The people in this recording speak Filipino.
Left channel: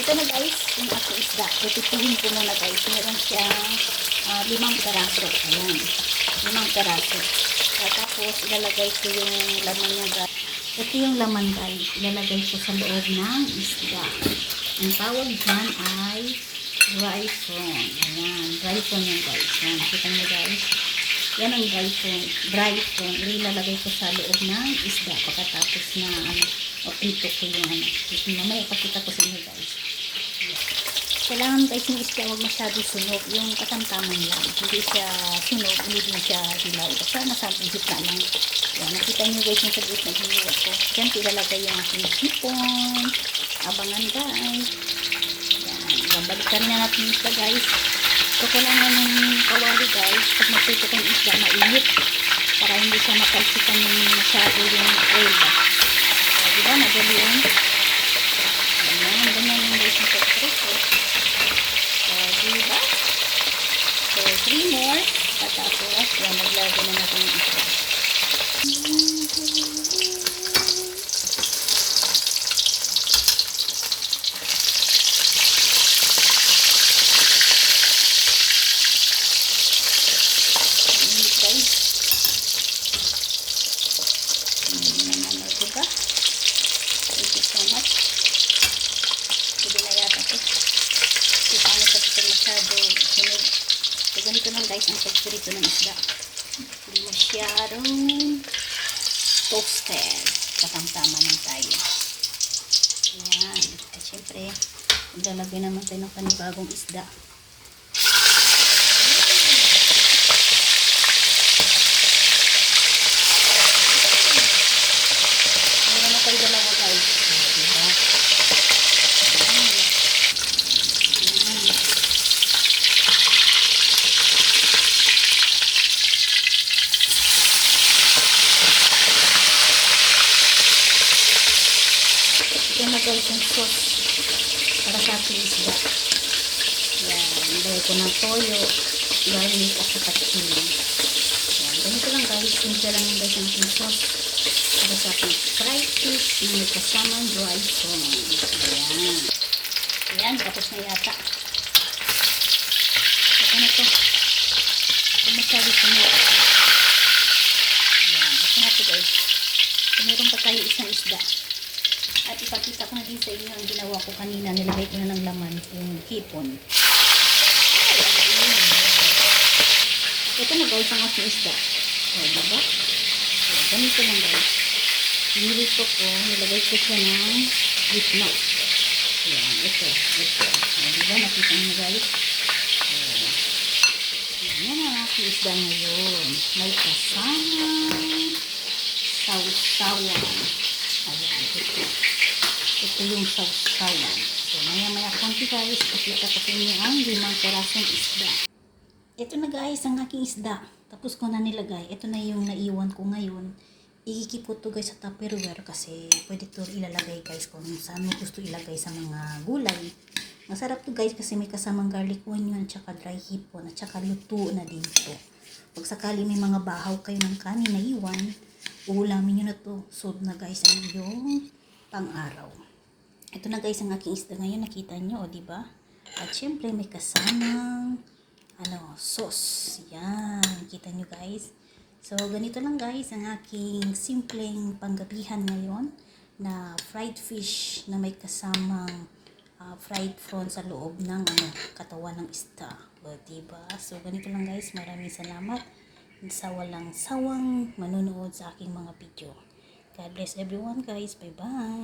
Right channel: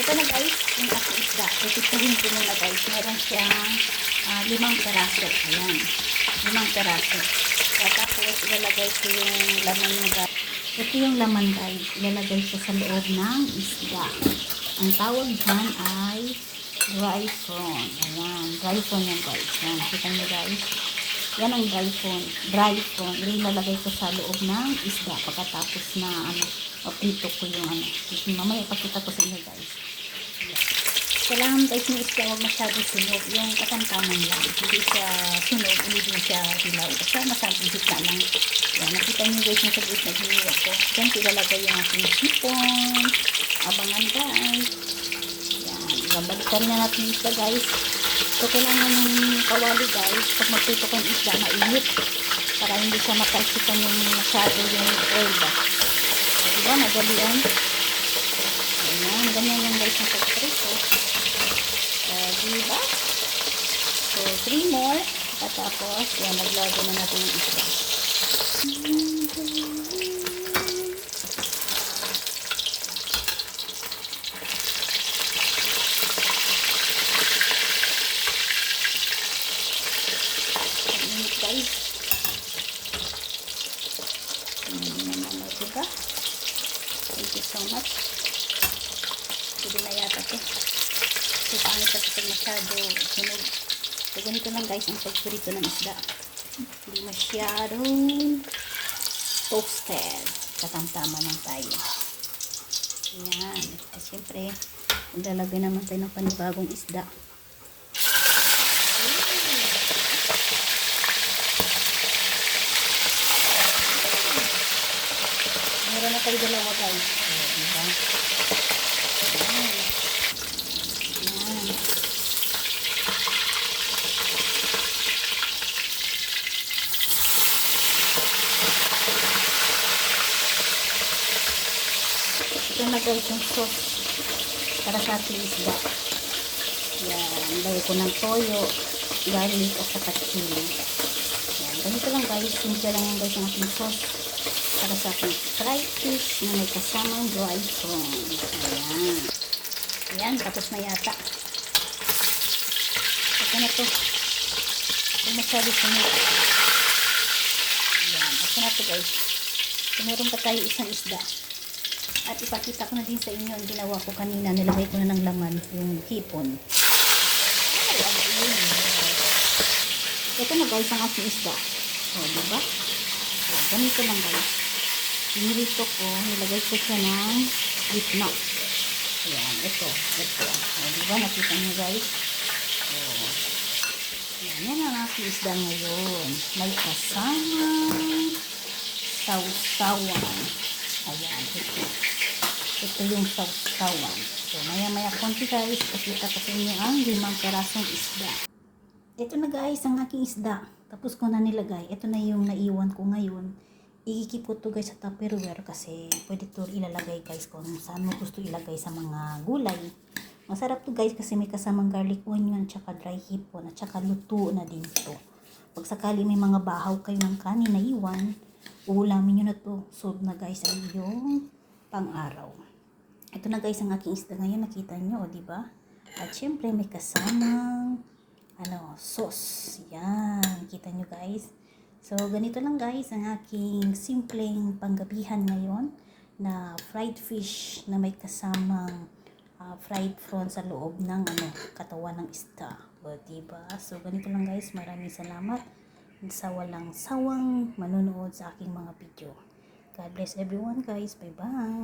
Ito na guys, yung aking isda. Pipitihin ko muna guys. Meron siyang 5 peraso. Ayan. 5 peraso. Tapos ilalagay ko yung laman ng guys. Ito yung laman guys. Ilalagay ko sa loob ng isda. Ang tawag dyan ay dry prawn. Ayan. Dry prawn yan guys. Ayan. Nakita nyo guys. Yan ang dry prawn. Dry prawn. Ilalagay ko sa loob ng isda. Pagkatapos na prito ko yung mamaya ipakita ko sa inyo guys. Kailangan guys yung isda huwag masyado sunog. Yung katamtaman lang. Hindi siya sunog. Hindi din siya hilaw. Basta masabing gitna lang. Yan. Nakita nyo guys yung sagot na giniwa ko. Diyan ilalagay yung aking sipon. Abangan guys. Yan. Babalikan na natin yung isda guys. So kailangan ng kawali guys. Pag magprito ko yung isda mainit. Para hindi siya makalsikan yung masyado yung oil ba. Diba? Madali yan. Ayan. Ganyan yung guys yung pagprito. Diba? So, 3 more. Patapos, yan, naglagay na natin yung isda. Ayan, guys. Ayan naman, diba? Thank you so much. Sige na yata ito. So, pangit kasi ito masyado sunog. So, ganito lang guys ang pagpirito ng isda. Hindi masyadong toasted. Katamtama lang tayo. Ayan. At syempre, maglalagay naman tayo ng panibagong isda. Meron na tayo dalawa guys. Diba? Ito na guys yung sauce para sa ating isda. Yan, lagay ko ng toyo, garlic at saka chili. Yan, ganito lang guys, simple lang yung guys ang ating sauce para sa ating fried fish na may kasamang dry prawn. Ayan. Ayan, tapos na yata. Ito na to. Kung masyado sunod. Ayan, ito na to guys. So, meron pa tayo isang isda. At ipakita ko na din sa inyo ang ginawa ko kanina. Nilagay ko na ng laman yung hipon. Ito na guys ang aking isda. O, diba? So, ganito lang guys. Nilito ko, nilagay ko siya ng gitna. Ayan, ito. O, diba? Nakita nyo guys? So, yan ang aking isda ngayon. May kasamang sausawan. Ayan, ito. Ito yung sausawan. So, maya-maya konti guys, pakita ko sa inyo ang 5 perasong isda. Ito na guys, ang aking isda. Tapos ko na nilagay. Ito na yung naiwan ko ngayon. Ikikip ko to guys sa Tupperware kasi pwede to ilalagay guys kung saan mo gusto ilagay sa mga gulay. Masarap to guys kasi may kasamang garlic onion, tsaka dry hipon, at tsaka luto na din to. Pag sakali may mga bahaw kayo ng kanin na iwan, uulamin nyo na to. Solve na guys ang yung pang-araw. Ito na guys ang aking isda ngayon. Nakita nyo, o diba? At syempre may kasamang sauce. Yan. Kita nyo guys. So, ganito lang guys ang aking simpleng panggabihan ngayon na fried fish na may kasamang fried prawn sa loob ng katawan ng isda. O diba? So, ganito lang guys. Maraming salamat sa walang sawang manonood sa aking mga video. God bless everyone guys. Bye bye.